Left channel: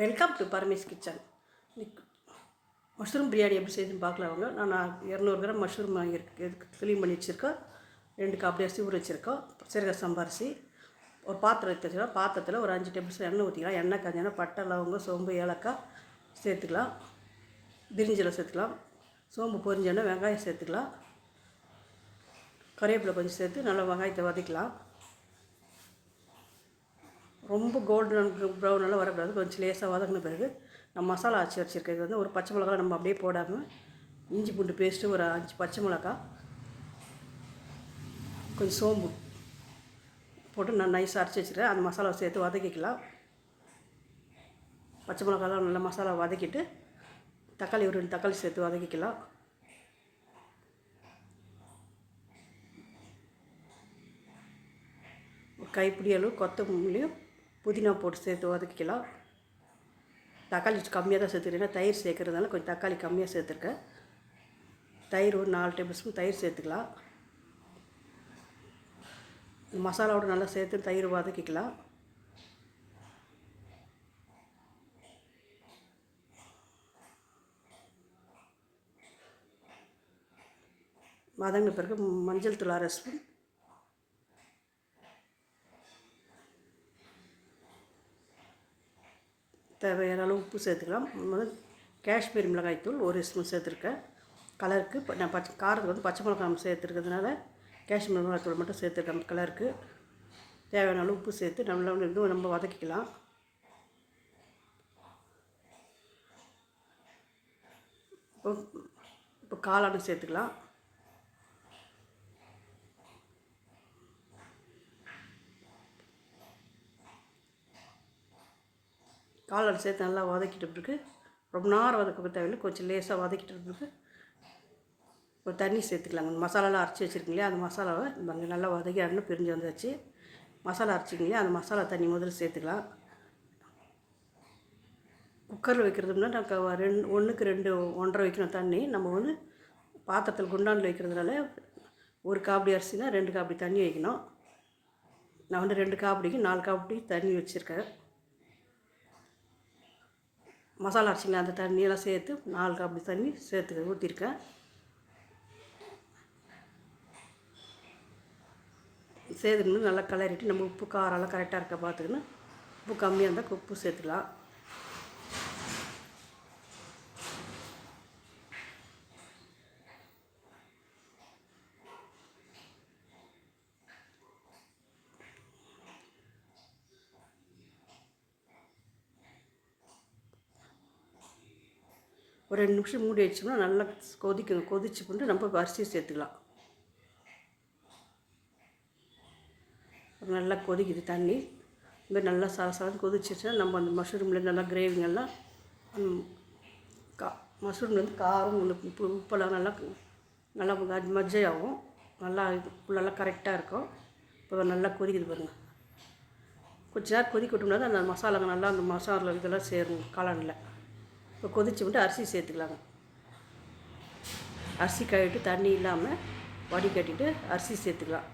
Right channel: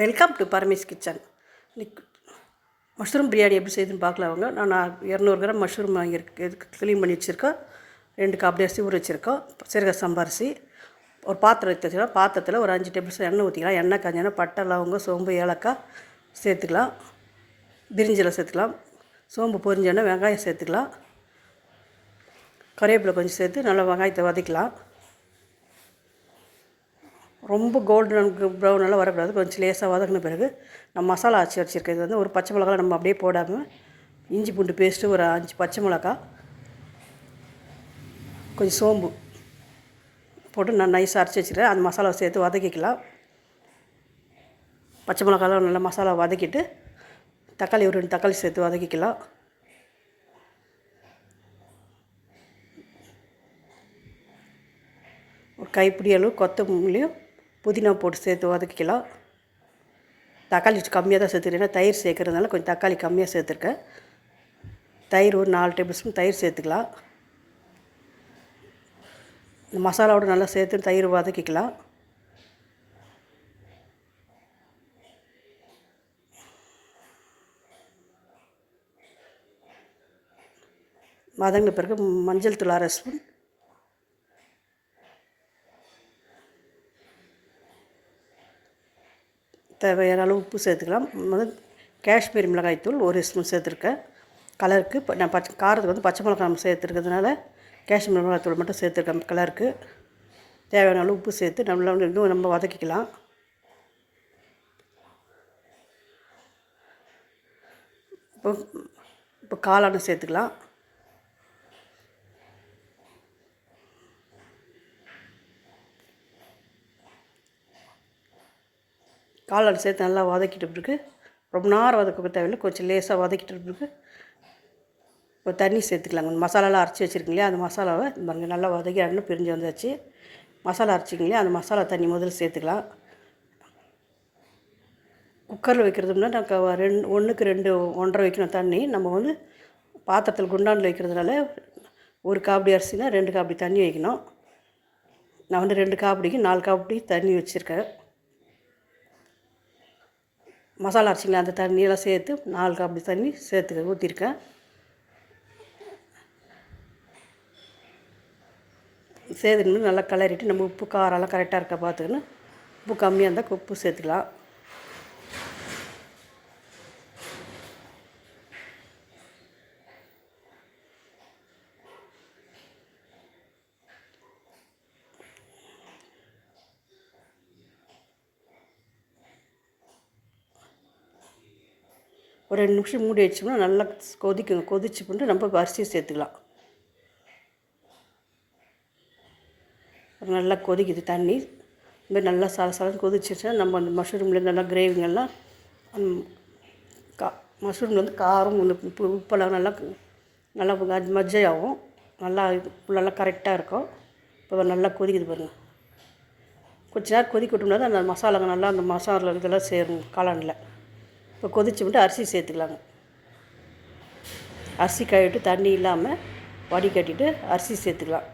Welcome to Paramesh kitchen. Mushroom biryani எப்படி செய்யுதுன்னு பார்க்கலாம் அவங்க. நான் இரநூறு கிராம் மஷ்ரூம் வாங்கியிருக்கு க்ளீன் பண்ணி வச்சுருக்கோம் ரெண்டு காப்பி அரிசி ஊற வச்சுருக்கோம். சீரக சம்பா அரிசி. ஒரு பாத்திரம் எடுத்து வச்சுக்கலாம் பாத்திரத்தில் ஒரு அஞ்சு டேபிள் எண்ணெய் ஊற்றிக்கலாம் எண்ணெய் காஞ்சனா பட்டை லவங்க சோம்பு ஏலக்காய் சேர்த்துக்கலாம். பிரிஞ்சில் சேர்த்துக்கலாம். சோம்பு பொரிஞ்சோன்னா வெங்காயம் சேர்த்துக்கலாம். கறிவேப்பிலை கொஞ்சம் சேர்த்து நல்லா வெங்காயத்தை வதக்கலாம். ரொம்ப கோல்டன் ப்ரௌன் எல்லாம் வரக்கூடாது. கொஞ்சம் லேசாக வதக்கின பிறகு நம்ம மசாலா ஆச்சு வச்சுருக்கேன் இது வந்து ஒரு பச்சை மிளகா நம்ம அப்படியே போடாமல் இஞ்சி பூண்டு பேஸ்ட்டு ஒரு அஞ்சு பச்சை மிளகா கொஞ்சம் சோம்பு போட்டு நான் நைஸாக அரைச்சி வச்சுருக்கேன். அந்த மசாலாவை சேர்த்து வதக்கிக்கலாம். பச்சை மிளகாலாம் நல்லா மசாலா வதக்கிட்டு தக்காளி ஒரு ரெண்டு தக்காளி சேர்த்து வதக்கிக்கலாம். ஒரு கைப்பிடி அளவு கொத்தமல்லியும் புதினா போட்டு சேர்த்து வதக்கிக்கலாம். தக்காளி கம்மியாக தான் சேர்த்துக்கிறேன். தயிர் சேர்க்குறதுனால கொஞ்சம் தக்காளி கம்மியாக சேர்த்துருக்கேன். தயிர் ஒரு நாலு டேபிள் ஸ்பூன் தயிர் சேர்த்துக்கலாம். இந்த மசாலாவோட நல்லா சேர்த்து தயிர் வதக்கிக்கலாம். வதங்கின பிறகு மஞ்சள் தூள் அரை ஸ்பூன் தேவையான அளவு உப்பு சேர்த்துக்கலாம். முதல் காஷ்மீரி மிளகாய்த்தூள் ஒரு ஸ்பூன் சேர்த்துருக்கேன். கலருக்கு இப்போ நான் பச்சை காரத்துக்கு வந்து பச்சை மிளகாய் நம்ம சேர்த்துருக்கிறதுனால மிளகாய் மிளகாய்த்தூள் மட்டும் சேர்த்துருக்கேன் கலருக்கு. தேவையான அளவு உப்பு சேர்த்து நல்லா இன்னும் நம்ம வதக்கிக்கலாம். இப்போ இப்போ காளானை சேர்த்துக்கலாம். காளான் சேர்த்து நல்லா வதக்கிட்ட பிறகு ரொம்ப நேரம் வதக்க தேவையில்லை. கொஞ்சம் லேசாக வதக்கிட்டு பிறகு இப்போ தண்ணி சேர்த்துக்கலாங்க. மசாலாலாம் அரைச்சி வச்சுருக்கீங்களே அந்த மசாலாவை பாருங்க நல்லா வதக்கி அண்ணன் பிரிஞ்சு வந்தாச்சு மசாலா அரைச்சிங்களே அந்த மசாலா தண்ணி முதல்ல சேர்த்துக்கலாம். குக்கரில் வைக்கிறதுனா நான் ரெண்டு ஒன்றுக்கு ரெண்டு ஒன்றரை வைக்கணும் தண்ணி. நம்ம வந்து பாத்திரத்தில் குண்டானில் வைக்கிறதுனால ஒரு காப்படி அரிசினா ரெண்டு காப்படி தண்ணி வைக்கணும். நான் வந்து ரெண்டு காப்படிக்கு நாலு காப்படி தண்ணி வச்சுருக்கேன். மசாலா அரைச்சிங்களா அந்த தண்ணியெல்லாம் சேர்த்து நாலு கப் தண்ணி சேர்த்து ஊற்றிருக்கேன். சேர்த்துன்னு நல்லா கிளறிட்டு நம்ம உப்பு காரெல்லாம் கரெக்டாக இருக்கா பார்த்துக்கணும். உப்பு கம்மியாக இருந்தால் உப்பு சேர்த்துக்கலாம். ஒரு ரெண்டு நிமிஷம் மூடி வச்சோம்னா நல்லா கொதிக்கும். கொதிச்சு பண்ணிட்டு நம்ம அரிசியை சேர்த்துக்கலாம். நல்லா கொதிக்குது தண்ணி. இதுமாதிரி நல்லா சல சல கொதிச்சிருச்சுன்னா நம்ம அந்த மஷ்ரூம்லேருந்து நல்லா கிரேவிங்கெல்லாம் கா மஷ்ரூம்லேருந்து காரம் உப்பு உப்பெல்லாம் நல்லா நல்லா மஜ்ஜையாகும். நல்லா இது நல்லா கரெக்டாக இருக்கும். இப்போ நல்லா கொதிக்குது பாருங்கள் கொஞ்ச நேரம் கொதிக்க விட்டோம்னா அந்த மசாலாங்க நல்லா அந்த மசாலா இதெல்லாம் சேரும் காளானில். இப்போ கொதிச்சு விட்டு அரிசி சேர்த்துக்கலாங்க. அரிசி கழுவிட்டு தண்ணி இல்லாமல் வடிகட்டிட்டு அரிசி சேர்த்துக்கலாம்.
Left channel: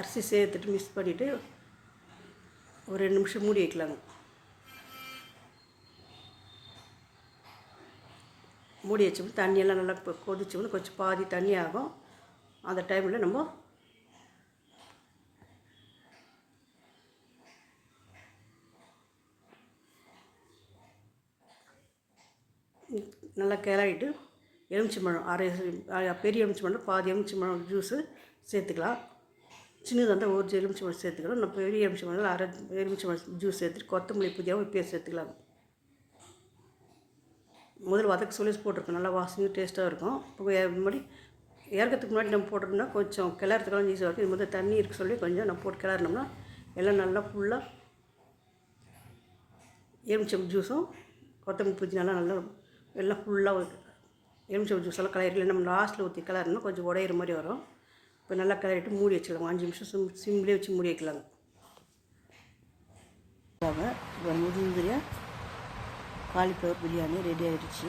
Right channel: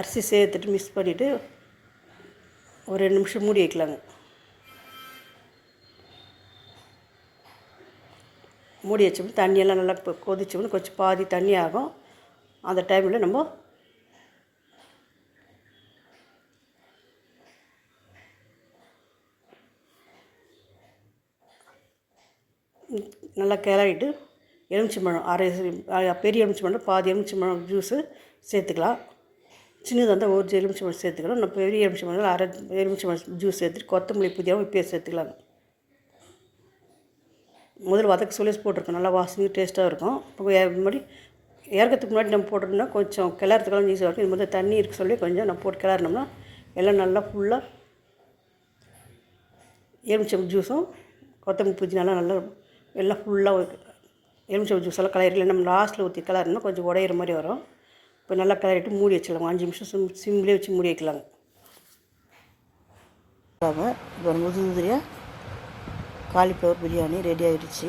அரிசி சேர்த்துட்டு மிக்ஸ் பண்ணிவிட்டு ஒரு ரெண்டு நிமிஷம் மூடி வைக்கலாங்க. மூடி வச்சோம்னா தண்ணியெல்லாம் நல்லா கொதிச்சோம்னா கொஞ்சம் பாதி தண்ணி ஆகும். அந்த டைமில் நம்ம நல்லா கிளறிட்டு எலுமிச்சம்பழம் அரை பெரிய எலுமிச்சம்பழம் பாதி எலுமிச்சம்பழம் ஜூஸு சேர்த்துக்கலாம். சின்னதாக இருந்தால் ஒரு எலுமிச்சம்பழம் சேர்த்துக்கலாம். நம்ம பெரிய எலுமிச்சம்பழம் அரை எலுமிச்சம்பழம் ஜூஸ் சேர்த்துட்டு கொத்தமல்லி புதியாகவும் இப்போயே சேர்த்துக்கலாம். முதல்ல வதக்க சொல்லி போட்டிருக்கோம் நல்லா வாசனையும் டேஸ்ட்டாக இருக்கும். இப்போ முன்னாடி இறக்கிறதுக்கு முன்னாடி நம்ம போட்டோம்னா கொஞ்சம் கிளறதுக்கெல்லாம் ஈஸியாக இருக்கும் இது மாதிரி தண்ணி இருக்க சொல்லி கொஞ்சம் நம்ம போட்டு கிளறினோம்னா எல்லாம் நல்லா ஃபுல்லாக எலுமிச்சம் ஜூஸும் கொத்தமல்லி புதினாலாம் நல்லா எல்லாம் ஃபுல்லாக எலுமிச்சம் ஜூஸ் எல்லாம் நம்ம லாஸ்ட்டில் ஊற்றி கிளறினா கொஞ்சம் உடையிற மாதிரி வரும். இப்போ நல்லா கிளறிட்டு மூடி வச்சிடலாம். அஞ்சு நிமிஷம் சிம் சிம்லேயே வச்சு மூடி வைக்கலாங்க. இப்போ முது முதிரியாக காலிஃப்ளவர் பிரியாணி ரெடி ஆகிடுச்சு